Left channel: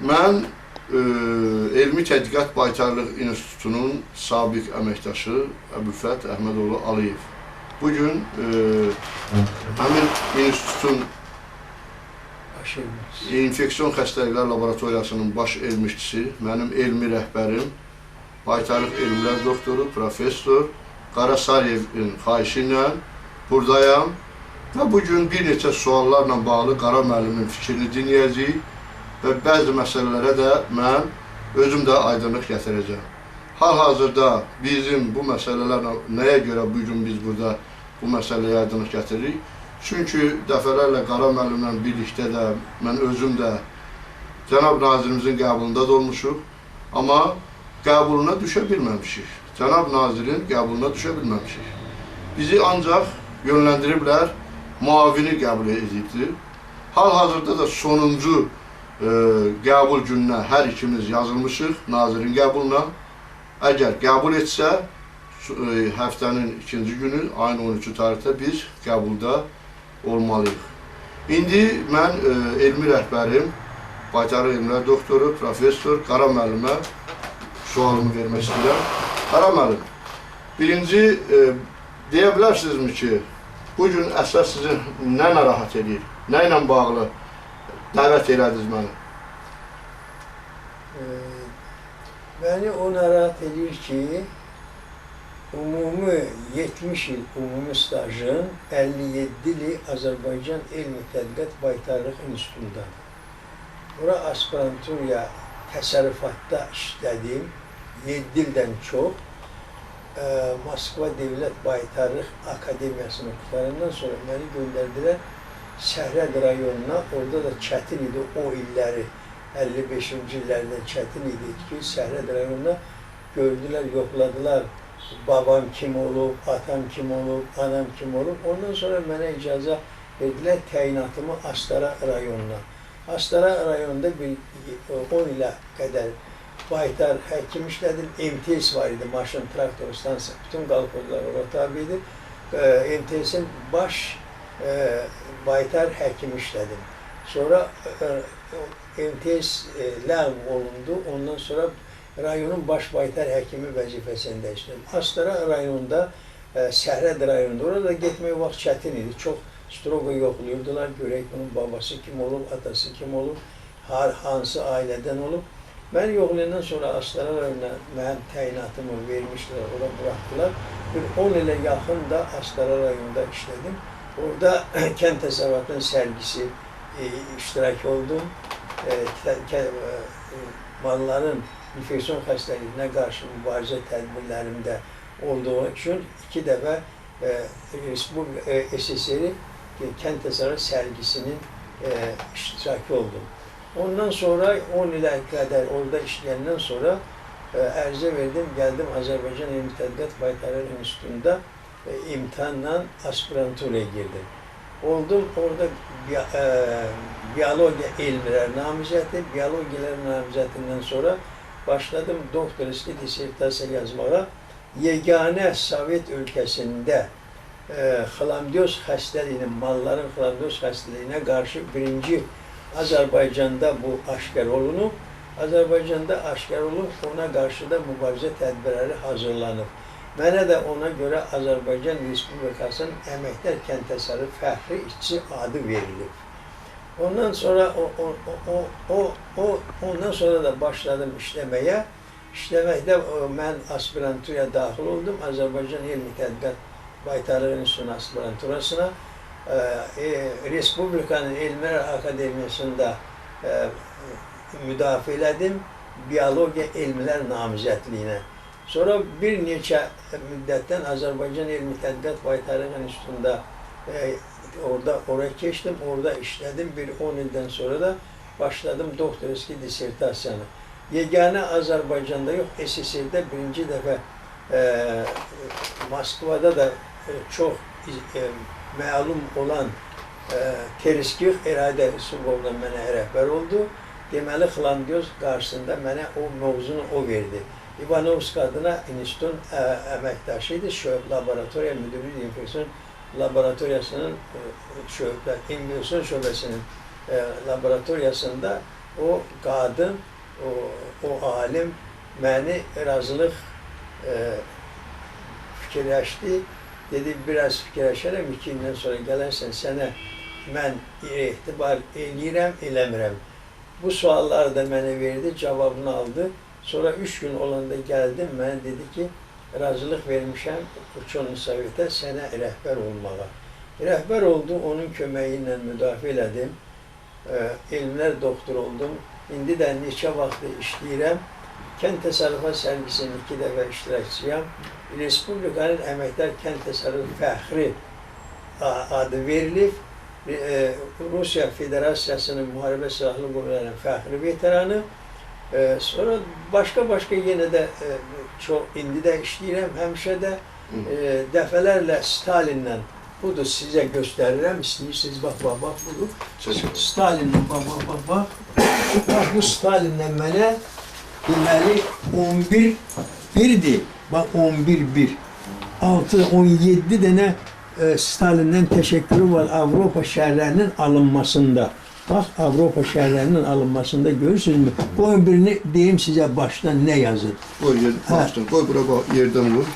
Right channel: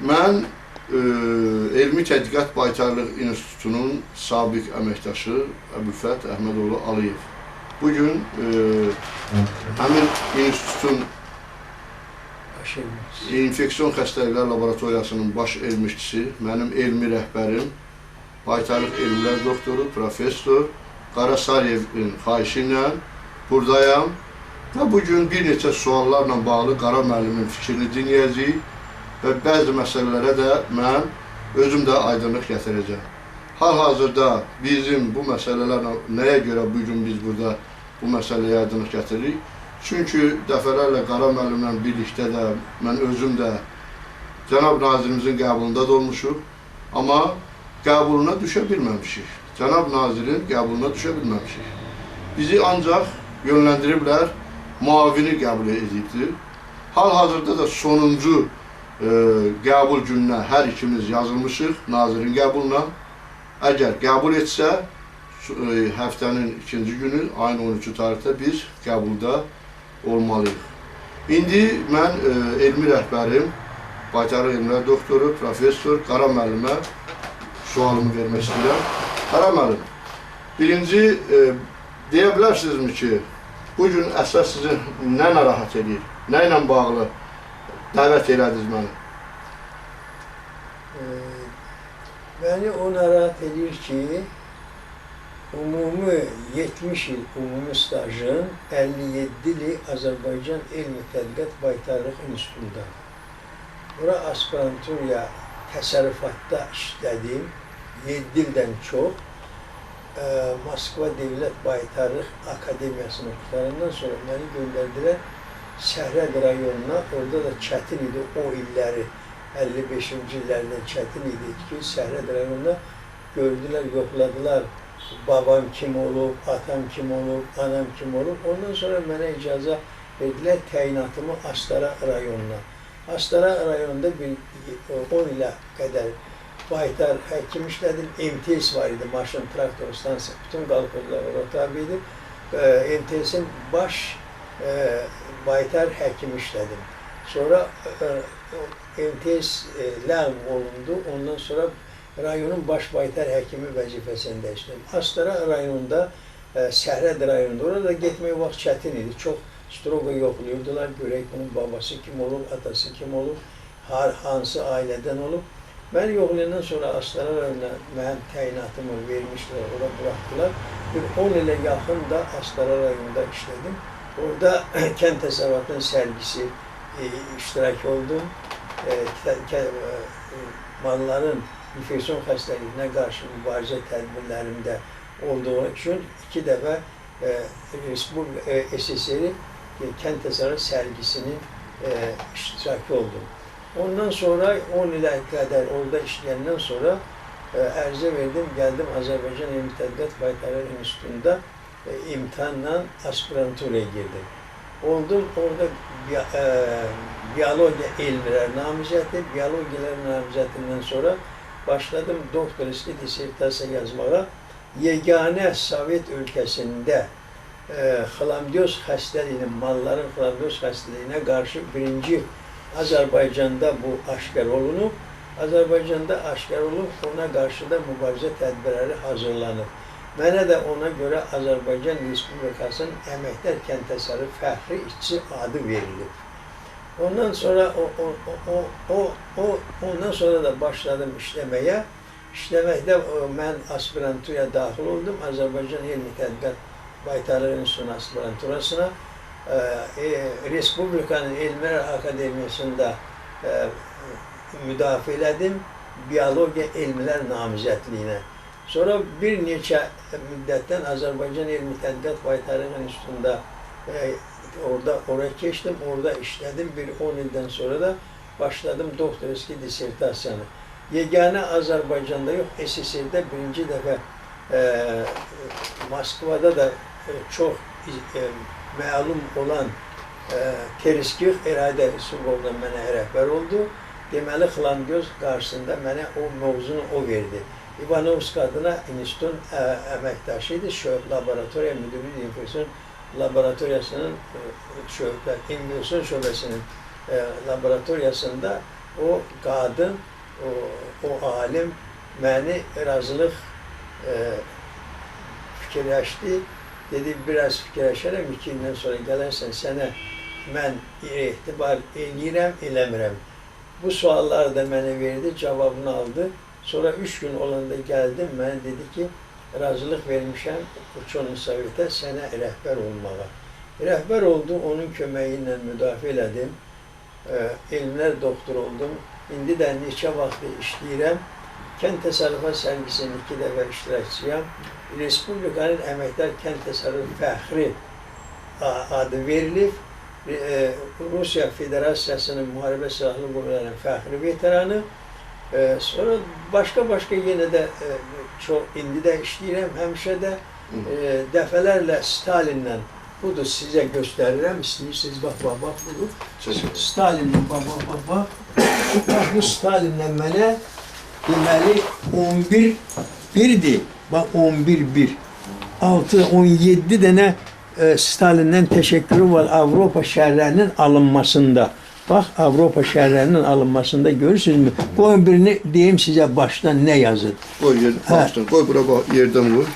Mən Elmi Tədqiqat Baytarlıq İnstitutunun sabiq əməkdaşı Əbülfət Əhmədoğlu Aliyev. Bugün həmin institutun infeksiyon xəstəliklər laboratoriyasının baş elmçisi, mənim elmi rəhbərim, Baytarlıq elmlər doktoru, professor Qarasariyevin xahişi ilə buradayam və bugün bir neçə suallarla bağlı Qara müəllimin fikrini dinləyəcəyik və bəzi məsələlərə də mən özüm də aydınlıq gətirəcəm. Hal-hazırda bizim bu məsələlərlə nəyə görə bugün biz burada bu məsələyə aydınlıq gətiririk? Çünki dəfələrlə Qara müəllimlə birlikdə də mən özüm də Cənab Nazirimizin qəbulunda da olmuşuq, amma qəbuluna düşə bilməmişik. Cənab Nazirin qəbuluna düşə bilməmişik. Bizi ancaq yönləndiriblər, müavini qəbul edibdir. Hal-hazırda da sonuncu qəbul gününə hər ikimiz yazılmışıq Nazirin qəbuluna. Əgər qəbul etsə, həftənin ikinci günü, ayın 13 tarixdə biz qəbulda olmalıyıq. İndi mən elmi rəhbərim, Baytarlıq elmlər doktoru, professor Qara müəllimə sualımı vermək istəyirəm. Qara müəllim, birinci deyə bilərsinizmi ki, bugün əsas sizi nə narahat edir, nə ilə bağlı dəvət elədiniz məni? Beni o narahat edir ki, umumi 70 il umumi stajın 57 ili Azərbaycan Elmi Tədqiqat Baytarlıq İnstitutunda. Ora aspiranturiya təsərrüfatda işlədim, 7 ildən çox. Moskva Devlet Baytarlıq Akademiyasını qutarandan sonra məni göndərdilər Səhrəd rayonuna. Orada da çətin idi o illəri, 55-ci illərdə çətin idi ki, Səhrəd rayonuna gördülər, yoxladılar. Babam kim olub, atam kim olub, anam kim olub. Ondan sonra mənə icazə verdilər təyinatımı Astara rayonuna. Astara rayonunda 10 ilə qədər baytar həkim işlədim. MTS var idi, maşın, traktor, stansiya, bütün qalxozlar ora tabi idi. MTS'in baş baytar həkim işlədim. Sonra MTS ləğv olundu, ondan sonra rayonun baş baytar həkimi vəzifəsində işlədim. Astara rayonunda, Səhrəd rayonunda, orada getmək vaxt çətin idi. Çox stroqa yoxlayırdılar, görək bunun babası kim olub, atası kim olub, hansı ailədən olub. Mən yoxlayandan sonra Astara rayonuna mənim təyinatımı vermişlər, ora buraxdılar. Bir 10 ilə yaxın da Astara rayonunda işlədim. Orada kənd təsərrüfatının sərgisi iştirak oldum. Malların infeksiyon xəstəliyinə qarşı mübarizə tədbirlərimdə olduğu üçün 2 dəfə SSR kənd təsərrüfatı sərgisinin iştirakı oldum. Ondan sonra 10 ilə qədər orada işləyəndən sonra ərizə verdim, gəldim Azərbaycan Elmi Tədqiqat Baytarlıq İnstitutunda imtahanla aspiranturaya girdim. Oldum orada biyologiya elmləri namizədi, biyologiyalar namizədindən sonra başladım doktorski disertasiya yazmağa. Yeganə Sovet ölkəsində xlamdyoz xəstəliyinin, malların xlamdyoz xəstəliyinə qarşı birinci Azərbaycanda bu aşkar olunub. Azərbaycanda aşkar olub, ona qarşı da mübarizə tədbirləri hazırlanıb. Mənə də ona görə Azərbaycan Respublikasının Əməkdar Kənd Təsərrüfü Fəxri İşçi adı verilib. Ondan sonra da başladım işləməyə. İşləməkdə mən aspiranturaya daxil oldum. Azərbaycan Elmi Tədqiqat Baytarlıq İnstitutunun aspiranturasına. Respublikanın Elmlər Akademiyasında müdafiə elədim. Biyologiya elmlər namizədliyinə. Sonra bir neçə müddətdən Azərbaycan Elmi Tədqiqat Baytarlıq İnstitutunda oraya keçdim, orada işlədim. Bir 10 ildən sonra da başladım doktorski disertasiyanı. Yeganə Azərbaycanda yox, SSR-də birinci dəfə Moskvada da çox məlum olan Tereskix İradə Yusubovla mənə rəhbər oldu. Deməli, xlamdyoz qarşısında mənə o mövzunu o verdi. İvanovsk adına institutun əməkdaşı idi, laboratoriya müdürü infeksiyon laboratoriyasının infeksiyon şöbəsinin laboratoriyasında o qadın, o alim məni razılıq fikirləşdi. Dedi, biraz fikirləşərəm, 2 gündən sonra gələrsən, sənə mən etibar eləyirəm, eləmirəm. Bu sualları da mənə verdi, cavabını aldı. Sonra 3 gün olanda gəldim, mənə dedi ki, razılıq vermişəm Uçon Sovetə sənə rəhbər olmağa. Rəhbər oldum, onun köməyi ilə müdafiə elədim. Elmlər doktoru oldum. İndi də neçə vaxtı işləyirəm. Kənd Təsərrüfat sərgisinin 2 dəfə iştirakçıyam. Respublikanın Əməkdar Kənd Təsərrüfü Fəxri adı verilib. Rusiya Federasiyasının Müharibə Silahlı Qüvvələrinin fəxri veteranı. Sonra başqa yenə də indi də işləyirəm, həmişə də dəfələrlə Stalinlə, budur sizə göstərirəm, istəyirsiniz, bax, budur. Stalinlə, bax. Bu Stalinlə mənə deməli 11-1-dir. Bax 11-1. 6-17 dənə Stalindən təşəkkürü var Avropa şəhərlərinin alınmasında. Bax, Avropa şəhərlərinin alınmasında görürsünüzmü? Qoyun birini deyim sizə başdan nə yazır. Qoy bura bax, yerdən vur.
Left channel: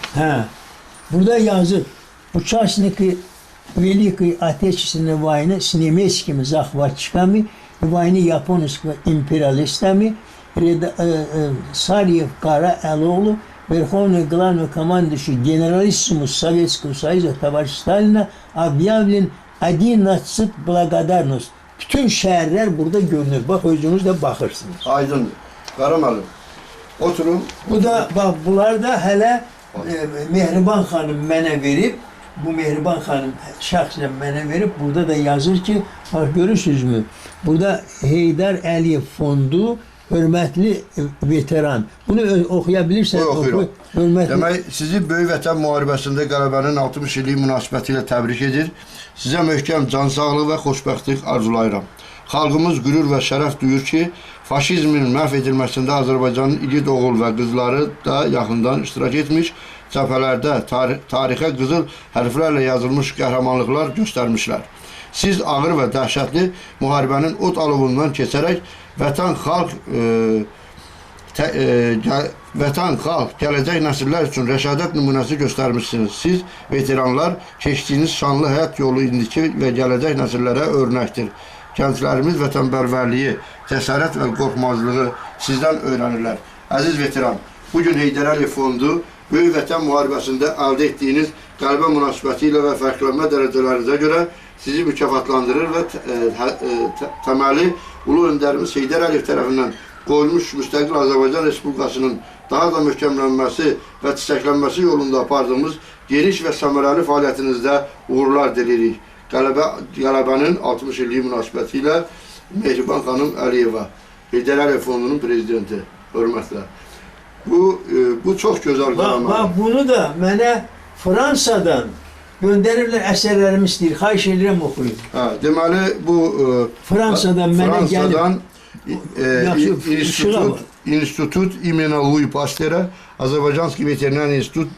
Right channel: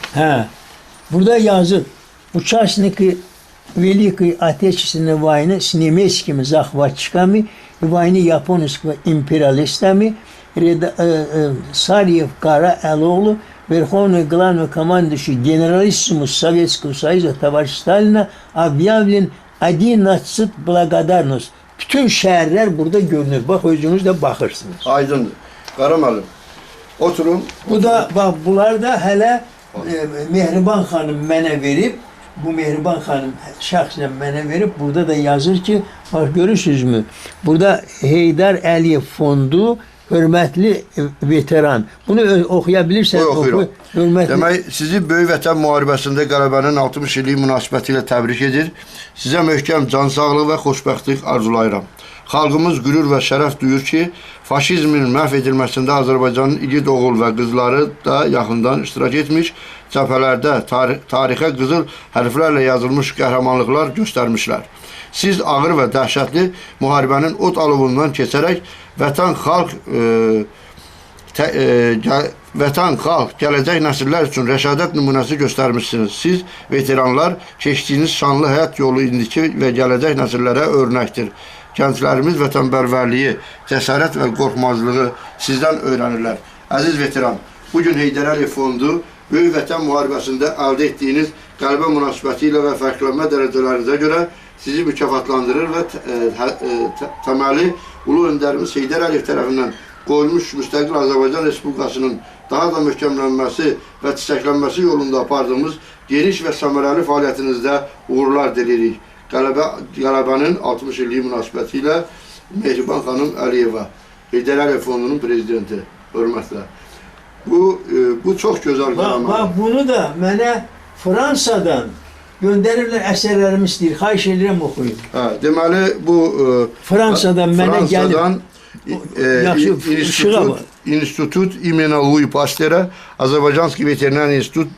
Burada yazır. Участники Великой Отечественной войны с немецкими захватчиками и войны японского империалистами Сарьев Кара Элоğlu Верховный главный командующий генералиссимус Советского Союза товарищ Сталина объявлен 11 благодарность. Bütün şəhərlər burada görünür. Bax, özünüz də baxırsınız. Aydındır. Qara müəllim, oturun. Bu da, bax, bunlar da hələ Mehriban xanım mənə verib. Bu Mehriban xanım şəxsən mənə verib. Burada da yazır ki, bax, görürsünüzmü? Burada Heydər Əliyev fondu, hörmətli veteran. Bunu oxuya bilirsən. Oxuyuram. Demək, sizi Böyük Vətən müharibəsində qələbənin 60 illik münasibəti ilə təbrik edir. Sizə möhkəm can sağlığı və xoşbəxtlik arzulayıram. Xalqımız qürur və şərəf duyur ki, faşizmin məhv edilməsində Azərbaycanın igid oğul və qızları da yaxından iştirak etmiş, cəbhələrdə tarixə qızıl hərflərlə yazılmış qəhrəmanlıqlar göstərmişlər. Siz ağır və dəhşətli müharibənin od alovundan keçərək vətən xalq, gələcək nəsillər üçün rəşadət nümunəsi göstərmişsiniz. Siz, veteranlar, keçdiyiniz şanlı həyat yolu indiki və gələcək nəsillərə örnəkdir. Gənclərimiz vətənpərvərliyi, cəsarət və qorxmazlığı sizdən öyrənirlər. Əziz veteran, bugün Heydər Əliyev Fondu Böyük Vətən müharibəsində əldə etdiyiniz qələbə münasibəti ilə və fərqlənmə dərəcələrinizə görə sizi mükafatlandırır və təməli Ulu Öndərimiz Heydər Əliyev tərəfindən qoyulmuş müstəqil Azərbaycan Respublikasının daha da möhkəmlənməsi və çiçəklənməsi yolunda apardığımız geniş və səmərəli fəaliyyətinizdə uğurlar dilirik. Qələbənin 60 illiyi münasibəti ilə Mehriban xanım Əliyeva, Heydər Əliyev Fondunun prezidenti, hörmətlə. Bu çox gözəl qələmə. Bax, bunu da mənə Fransadan göndərirlər, əsərlərimi istəyir, xahiş edirəm oxuyun. Deməli, bu Fransadan mənə gəlib. İnstitut imena Louis Pasteur'a, Azerbaycanski Veterinar İnstitut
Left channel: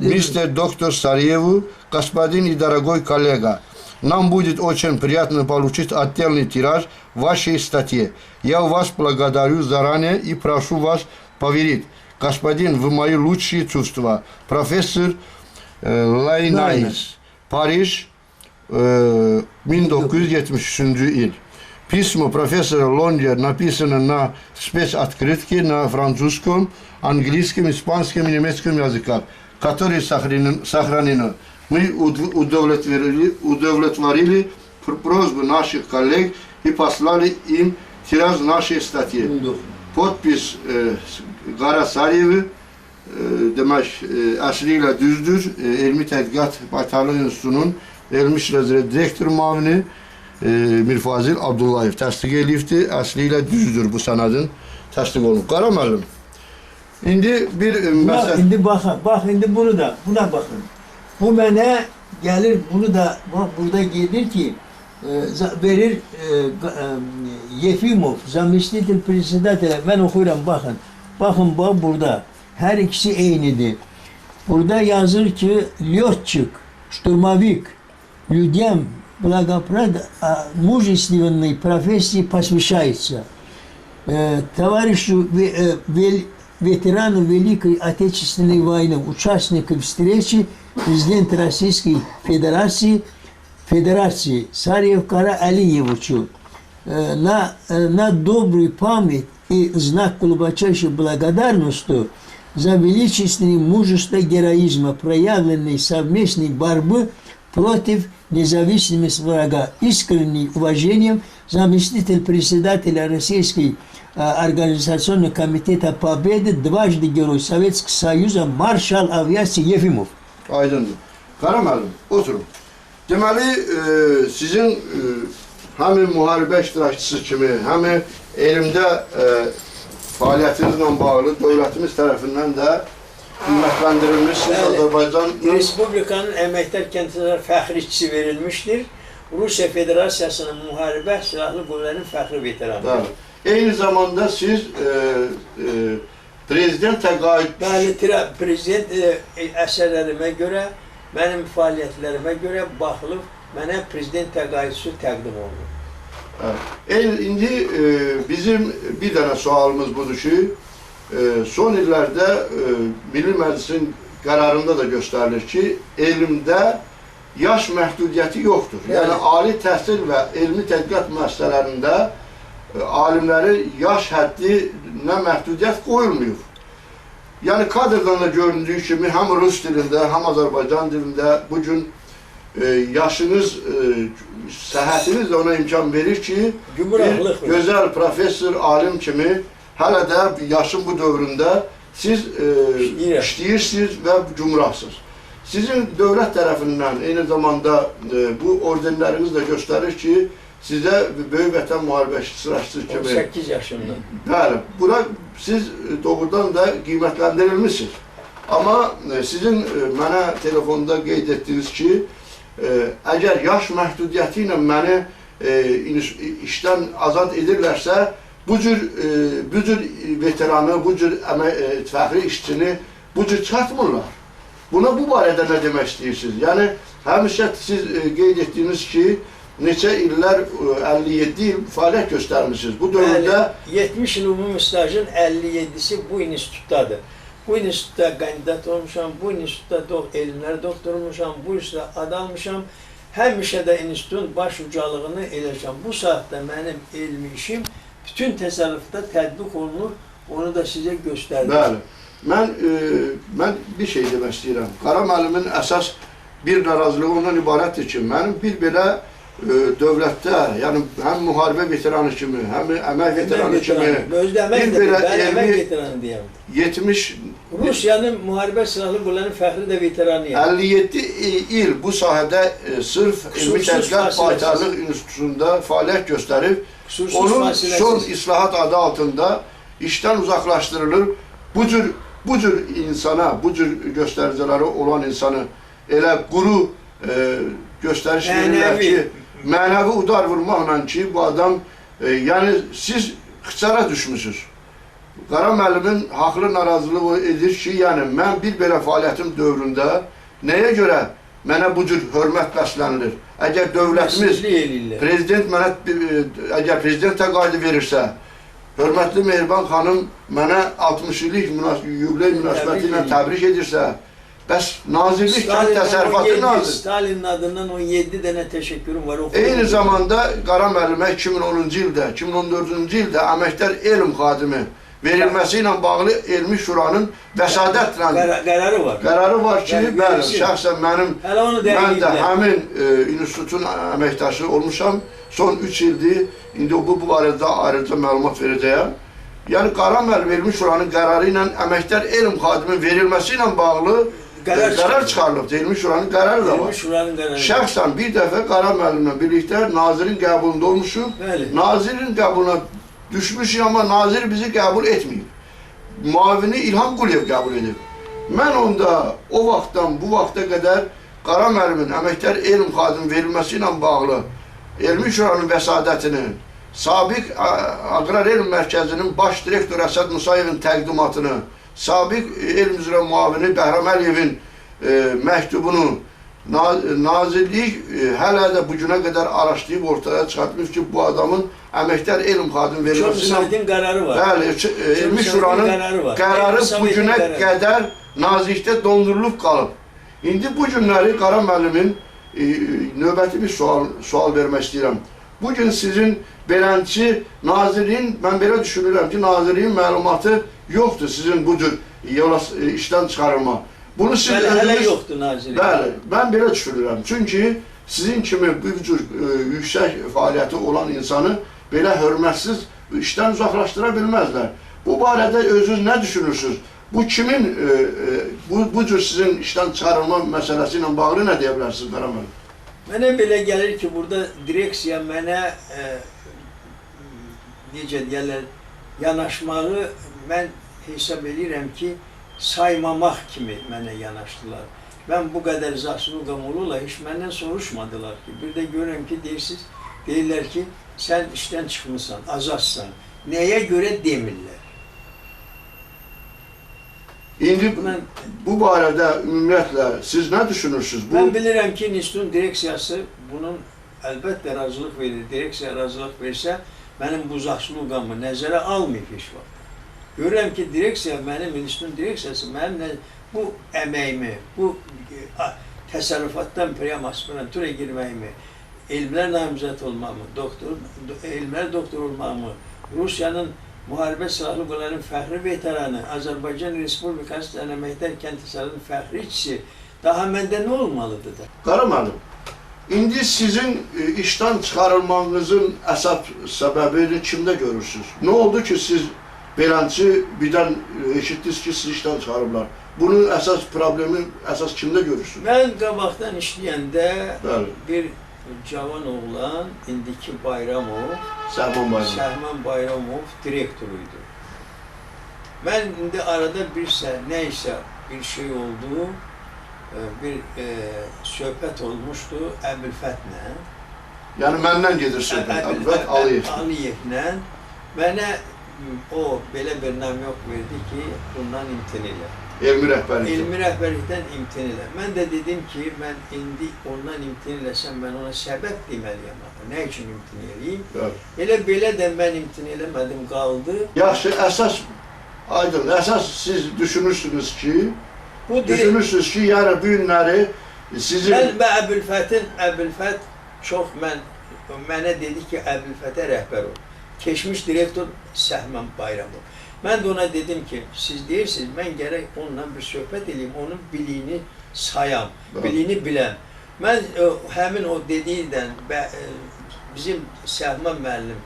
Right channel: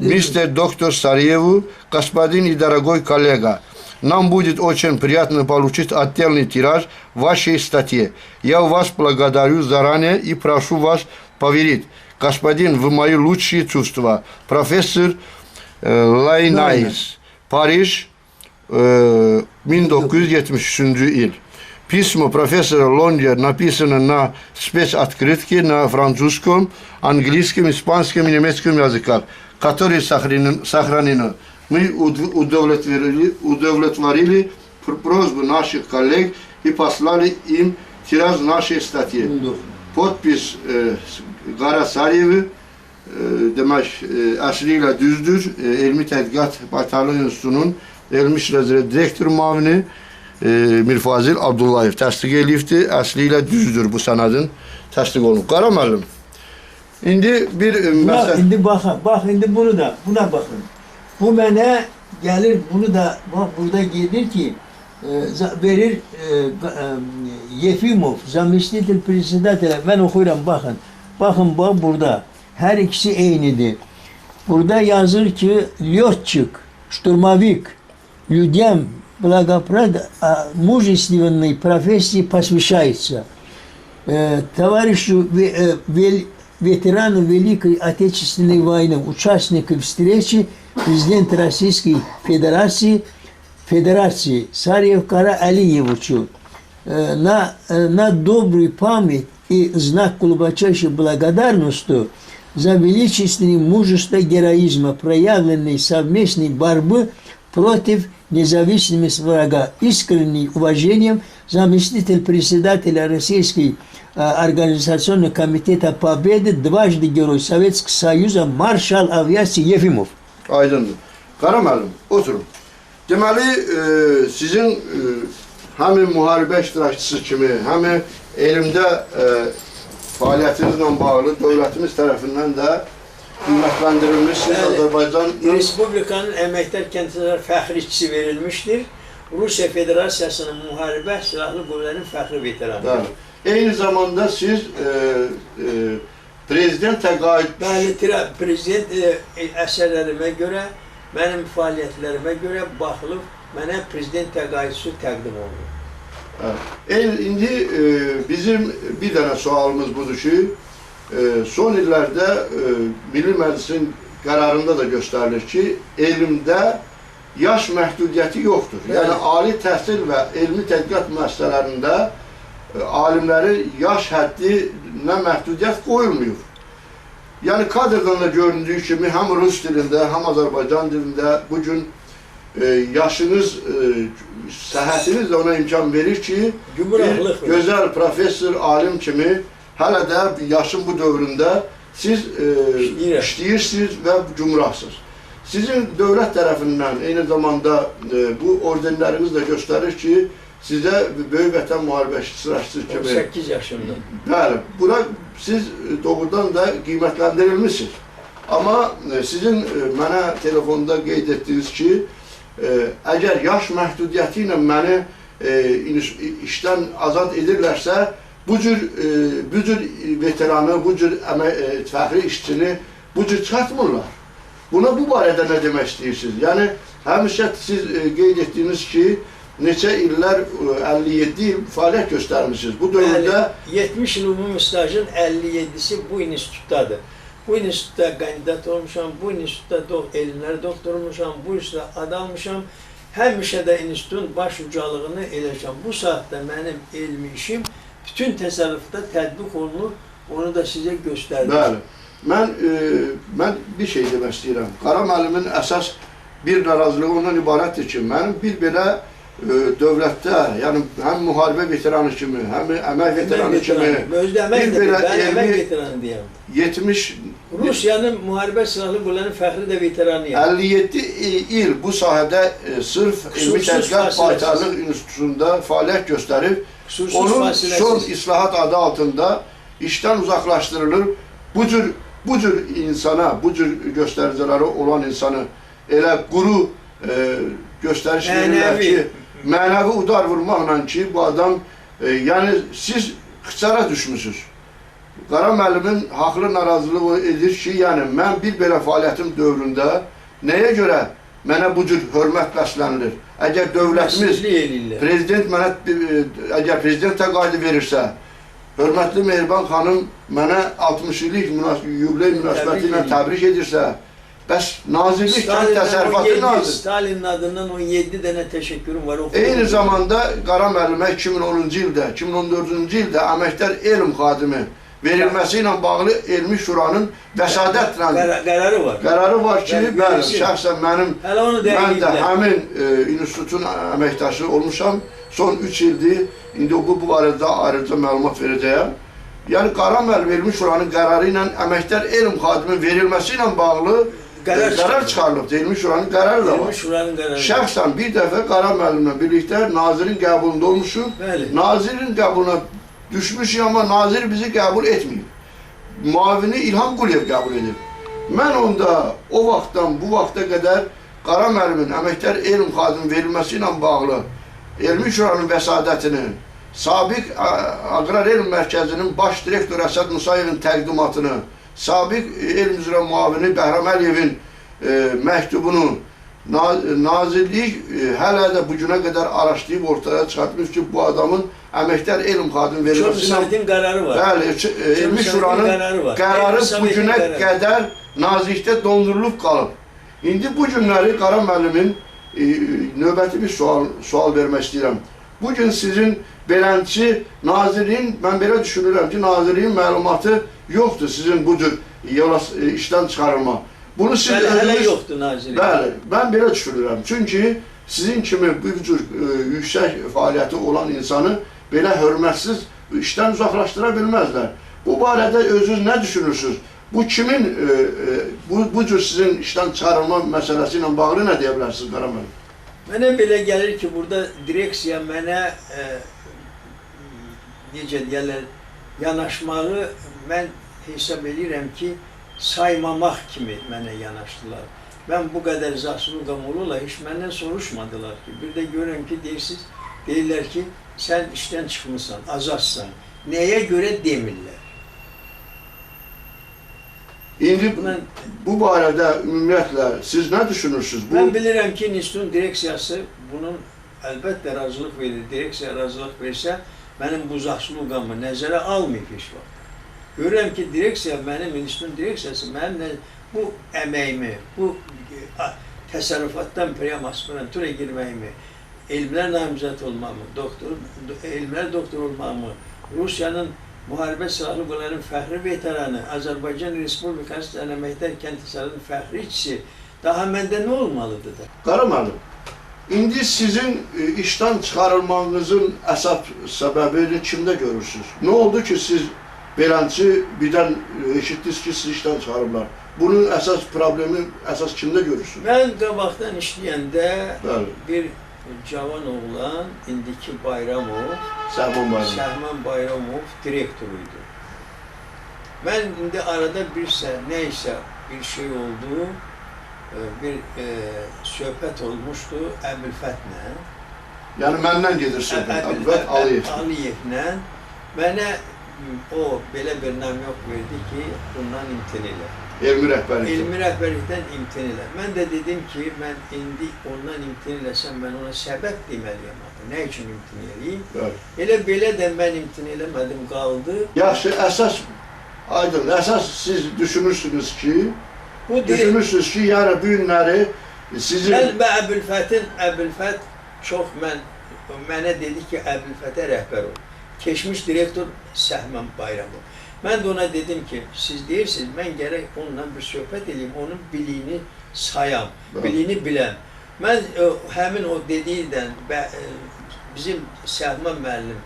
Мистер доктор Сарьеву, господин и дорогой коллега, нам будет очень приятно получить отдельный тираж вашей статьи. Я вас благодарю заранее и прошу вас поверить, господин, вы мои лучшие чувства. Профессор Лайнайс, Париж, 1973 il. Письмо профессора Лонгер написано на спецоткрытке на французском, английском, испанском и немецком языках, которые сохранены. Мы удовлетворили просьбу наших коллег и послали им тираж нашей статьи. Podpis Qara Sarıyevi, demək, əsli ilə düzdür. Elmi Tədqiqat Baytarlıq İnstitutunun Elmi İşlər üzrə direktor müavini Mirfazil Abdullayev təsdiq eləyibdir. Əsli ilə düzdür bu sənədin təsdiq olunub. Qara müəllim, indi bir məsələ... İndi bax, indi buna baxın. Bu mənə gəlir, bunu da, burada gedir ki, verir Yefimov, zamestитель председателя, mən oxuyuram, baxın. Baxın, bax, burada. Hər ikisi eynidir. Burada yazır ki, Lyotçik, Şturmavik, Lyudem мужественной профессии посвящается. Товарищу ветерану Великой Отечественной войны, участнику встречи президента Российской Федерации Сарьев Кара Алиевичу на добрую память и знак глубочайшей благодарности за величественное мужество героизма, проявленной совместной борьбы против независимости врага. Искренним уважением заместитель председателя Российской организационного комитета Победы, дважды Герой Советского Союза, маршал авиации Yefimov. Aydındır. Qara müəllim, oturun. Deməli, sizin həm müharibə iştirakçısı kimi, həm elmdə fəaliyyətinizlə bağlı dövlətimiz tərəfindən də qiymətləndirilmişsiniz. Azərbaycan Respublikanın əməkdar kəndliləri fəxriçisi verilmişdir. Rusiya Federasiyasının müharibə silahlı qüvvələrinin fəxri veteranıdır. Eyni zamanda siz prezident təqaüd... Bəli, prezident əsərlərimə görə, mənim fəaliyyətlərimə görə baxılıb, mənə prezident təqaüdçüsü təqdim olunur. İndi bizim bir dənə sualımız budur ki, son illərdə Milli Məclisin qərarında da göstərilir ki, elmdə yaş məhdudiyyəti yoxdur. Yəni, ali təhsil və elmi tədqiqat müəssisələrində alimlərin yaş həddinə məhdudiyyət qoyulmuyor. Yəni, kadrdan da göründüyü kimi, həm Rus dilində, həm Azərbaycan dilində bugün yaşınız, səhhətiniz də ona imkan verir ki, bir gözəl professor, alim kimi hələ də yaşın bu dövründə siz işləyirsiniz və cumhurasınız. Sizin dövlət tərəfindən eyni zamanda bu ordenləriniz də göstərir ki, sizə Böyük Vətən Müharibəsi iştirakçısı kimi... 18 yaşında. Bəli, buna siz doğrudan da qiymətləndirilmişsiniz. Amma sizin mənə telefonda qeyd etdiniz ki, əgər yaş məhdudiyyəti ilə məni işdən azad edirlərsə, bu cür veteranı, bu cür fəxri işçini bu cür çatmırlar. Buna bu barədə nə demək istəyirsiniz? Yəni, həmişə siz qeyd etdiniz ki, neçə illər, 57 il fəaliyyət göstərmişsiniz. Bu dövrdə... 70 il ümumi stajın 57'si bu institutdadır. Bu institutda kandidat olmuşam, bu institutda elmlər doktor olmuşam, bu institutda ad almışam. Həmişə də institutun baş ucalığını eləşəm. Bu saatda mənim elmi işim bütün təsərrüfdə tətbiq olunur, onu da sizə göstərdim. Bəli. Mən bir şey demək istəyirəm. Qara müəllimin əsas bir narazılığı ondan ibarətdir ki, mənim bir belə dövlətdə, yəni həm müharibə veteranı kimi, həm əmək veteranı kimi, bir belə elmi 70... Rusiyanın müharibə silahlı qüvvələrinin fəxri də veteranıyam. 57 il bu sahədə sırf Elmi Tədqiqat Baytarlıq İnstitutunda fəaliyyət göstərib, onun son islahat adı altında işdən uzaqlaşdırılır. Bu cür insana, bu cür göstəriciləri olan insanı elə quru göstəriş verirlər ki, mənəvi udar vurmaqla ki, bu adam, yəni siz xıçara düşmüşsünüz. Qara müəllimin haqlı narazılığı edir ki, yəni mən bir belə fəaliyyətim dövründə nəyə görə mənə bu cür hörmət bəslənilir? Əgər dövlətimiz, prezident mənə, əgər prezident təqaüdü verirsə, hörmətli Mehriban xanım mənə 60 illik yubiley münasibəti ilə təbrik edirsə, bəs nazirlik kimi təsərrüfatı nazir. Stalin'in adından 17 dənə təşəkkürüm var. Eyni zamanda Qara müəllimə 2010-cu ildə, 2014-cü ildə əməkdar elm xadimi verilməsi ilə bağlı Elmi Şuranın vəsadətlə qərarı var ki, bəli, şəxsən mən də həmin institutun əməkdaşı olmuşam. Son 3 ildir, indi bu barədə ayrıca məlumat verəcəyəm. Yəni, Qara müəllim Elmi Şuranın qərarı ilə əməkdar elm xadimin verilməsi ilə bağlı qərar çıxarılıbdır. Elmi Şuranın qərarı da var. Şəxsən bir dəfə Qara müəllimlə birlikdə nazirin qəbulunda olmuşum. Nazirin qəbuluna düşmüşük, amma nazir bizi qəbul etməyib. Müavini İlham Quliyev qəbul edib. Mən onda o vaxtdan bu vaxta qədər Qara müəllimin əməkdar elm xadimi verilməsi ilə bağlı Elmi Şuranın vəsadətini, Sabiq Aqrar Elm Mərkəzinin baş direktoru Əsəd Musayevin təqdimatını, Sabiq Elm üzrə müavini Bəhram Əliyevin məktubunu Nazirlik hələ də bu günə qədər araşdırıb ortaya çıxartmış ki, bu adamın əməkdar elm xadimi verilməsi Şurasının qərarı var. Bəli, Elmi Şuranın qərarı bu günə qədər nazirlikdə dondurulub qalıb. İndi bu günləri Qara müəllimin növbəti bir sual vermək istəyirəm. Bugün sizin beləncə nazirliyin, mən belə düşünürəm ki, nazirliyin məlumatı yoxdur sizin bu cür işdən çıxarılma. Bunu siz Hələ yoxdur nazirlik. Bəli, mən belə düşünürəm. Çünki sizin kimi bir cür yüksək fəaliyyəti olan insanı belə hörmətsiz işdən uzaqlaşdıra bilməzlər. Bu barədə özünüz nə düşünürsünüz? Bu kimin, bu cür sizin işdən çıxarılma məsələsi ilə bağlı nə deyə bilərsiniz Qara müəllim? Mənə belə gəlir ki, burada direksiya mənə necə deyərlər, yanaşmağı mən hesab edirəm ki, saymamaq kimi mənə yanaşdılar. Mən bu qədər zaslugam olurlar, heç məndən soruşmadılar ki. Bir də görürəm ki, deyirlər ki, sən işdən çıxmısan, azadsan. Nəyə görə demirlər? İndi bu barədə ümumiyyətlə siz nə düşünürsünüz? Mən bilirəm ki, institutun direksiyası bunun əlbəttə razılıq verir. Direksiya razılıq versə, mənim bu zaslugamı nəzərə almayıb heç vaxt. Görürəm ki, direksiya, mənim institutun direksiyası, mənim bu əməyimi, bu təsərrüfatdan priyam aspirantura girməyimi, elmlər namizəd olmamı, elmlər doktor olmamı, Rusiyanın Müharibə Silahlı Qüvvələrin fəxri veteranı, Azərbaycan Respublikası Əməkdar Kəndlislərinin fəxri işçisi, daha məndə nə olmalıdır da? Qara müəllim, indi sizin işdən çıxarılmanızın əsas səbəbini kimdə görürsünüz? Nə oldu ki, siz beləncə birdən eşitdiniz ki, siz işdən çıxarıblar? Bunun əsas problemi, əsas kimdə görürsünüz? Mən qabaqdan işləyəndə Bəli. bir cavan oğlan, indiki Bayramov, Səhman Bayramov direktoruydu. Mən indi arada nəysə bir şey oldu, bir söhbət olmuşdu Əbülfətlə. Yəni məndən gedir söhbət, Əbülfət Aliyevlə. Mənə o belə bir namyoq verdi ki, bundan imtina elə. Elmi rəhbərlikdən. Elmi rəhbərlikdən imtina elə. Mən də dedim ki, mən indi ondan imtina eləsəm, mən ona səbəb deməliyəm. Nə üçün imtina eləyim? Elə belə də mən imtina eləmədim, qaldı. Yaxşı, əsas, aydın, əsas siz düşünürsünüz ki, yəni bu günləri sizin... Mən Əbülfət çox mənə dedi ki, Əbülfətə rəhbər ol. Keçmiş direktor Səhman Bayramov. Mən də ona dedim ki, siz deyirsiniz, mən gərək onunla bir söhbət edeyim, onun biliyini sayam, biliyini biləm. Mən həmin o dediyidən bizim Səhman müəllim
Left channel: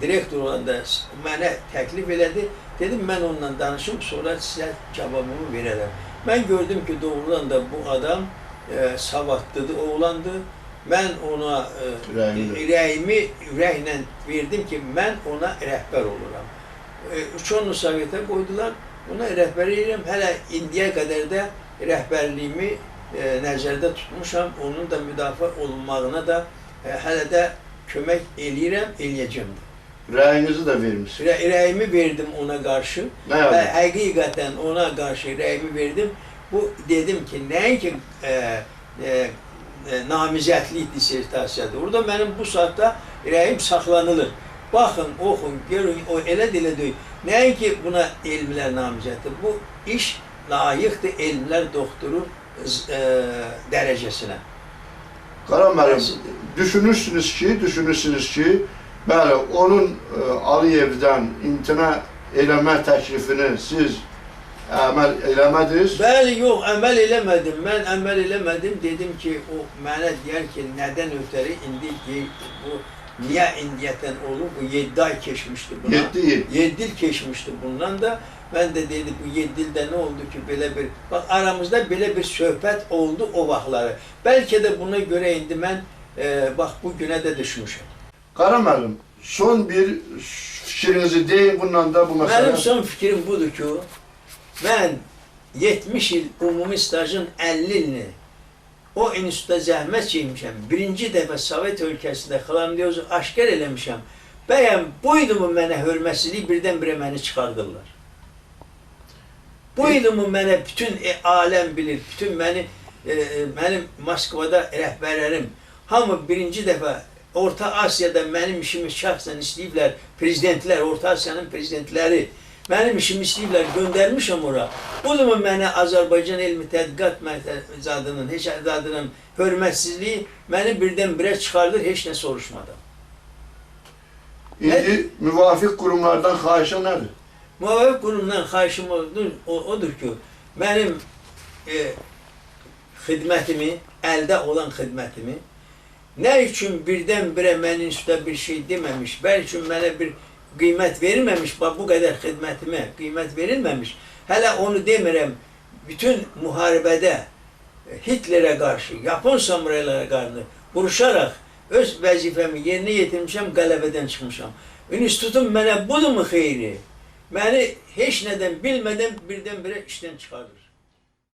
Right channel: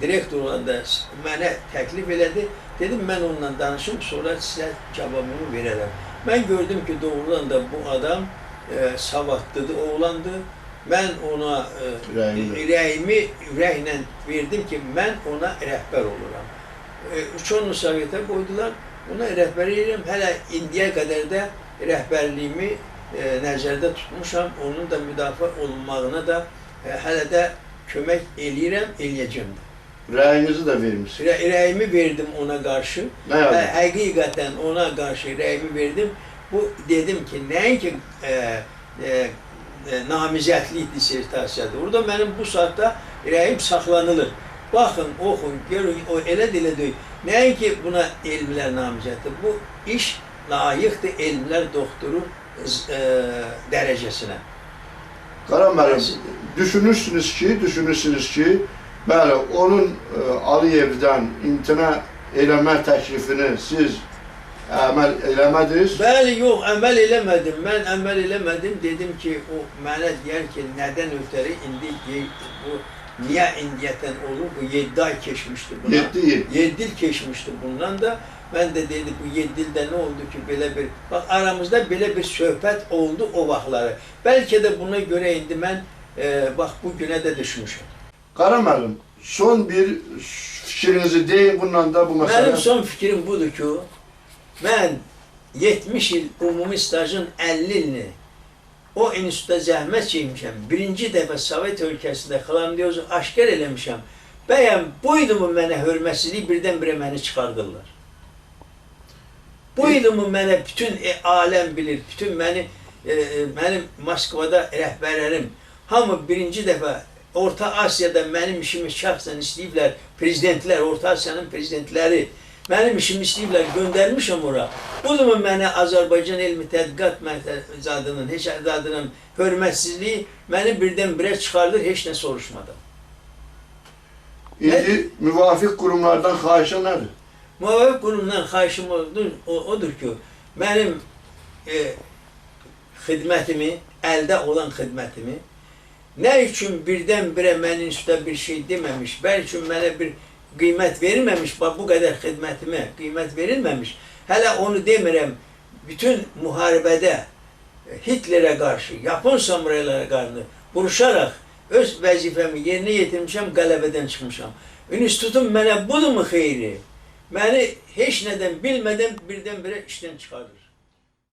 direktor olanda mənə təklif elədi. Dedim, mən onunla danışım, sonra sizə cavabımı verərəm. Mən gördüm ki, doğrudan da bu adam savadlıdır, oğlandır. Mən ona ürəyimi ürəklə verdim ki, mən ona rəhbər oluram. Uçonu Sovetə qoydular, ona rəhbər edirəm. Hələ indiyə qədər də rəhbərliyimi nəzərdə tutmuşam, onun da müdafiə olunmağına da hələ də kömək eləyirəm, eləyəcəm də. Rəyinizi də vermişsiniz. Rəyimi verdim ona qarşı və həqiqətən ona qarşı rəyimi verdim. Bu dedim ki, nəinki namizədlik dissertasiyadır. Orada mənim bu saatda rəyim saxlanılır. Baxın, oxun, görün, o elə də elə deyil. Nəinki buna elmlər namizəddir. Bu iş layiqdir elmlər doktoru dərəcəsinə. Qara müəllim, düşünürsünüz ki, bəli, onun Aliyevdən imtina eləmə təklifini siz əməl eləmədiniz? Bəli, yox, əməl eləmədim. Mən əməl eləmədim. Dedim ki, o mənə deyər ki, nədən ötəri indi bu niyə indiyətən olur? Bu 7 ay keçmişdi buna. 7 il. 7 il keçmişdi bundan da. Mən də dedim, bu 7 ildə nə oldu ki, belə bir... Bax, aramızda belə bir söhbət oldu o vaxtları. Bəlkə də buna görə indi mən, bax, bu günə də düşmüşəm. Qara müəllim, son bir fikrinizi deyin, bundan da bu məsələ... Mənim son fikrim budur ki, mən 70 il ümumi stajın 50 ilini o institutda zəhmət çəkmişəm. Birinci dəfə Sovet ölkəsində xlamdiozu aşkar eləmişəm. Bəyəm, buydumu mənə hörmətsizlik birdən-birə məni çıxardırlar. Buydumu mənə bütün aləm bilir, bütün məni mənim Moskvada rəhbərlərim hamı birinci dəfə Orta Asiyada mənim işimi şəxsən istəyiblər, prezidentlər, Orta Asiyanın prezidentləri mənim işimi istəyiblər, göndərmişəm ora. Budurmu mənə Azərbaycan Elmi Tədqiqat Mərkəzinin, heç adının hörmətsizliyi məni birdən-birə çıxardır, heç nə soruşmadan. İndi müvafiq qurumlardan xahişə nədir? Müvafiq qurumdan xahişim odur ki, mənim xidmətimi, əldə olan xidmətimi, nə üçün birdən-birə mənim üstə bir şey deməmiş, bəlkə mənə bir qiymət verilməmiş, bu qədər xidmətimə qiymət verilməmiş, hələ onu demirəm, bütün müharibədə Hitlerə qarşı, Yapon samuraylara qarşı vuruşaraq öz vəzifəmi yerinə yetirmişəm, qələbədən çıxmışam. İnstitutum mənə budurmu xeyri? Məni heç nədən bilmədən birdən-birə işdən çıxardır.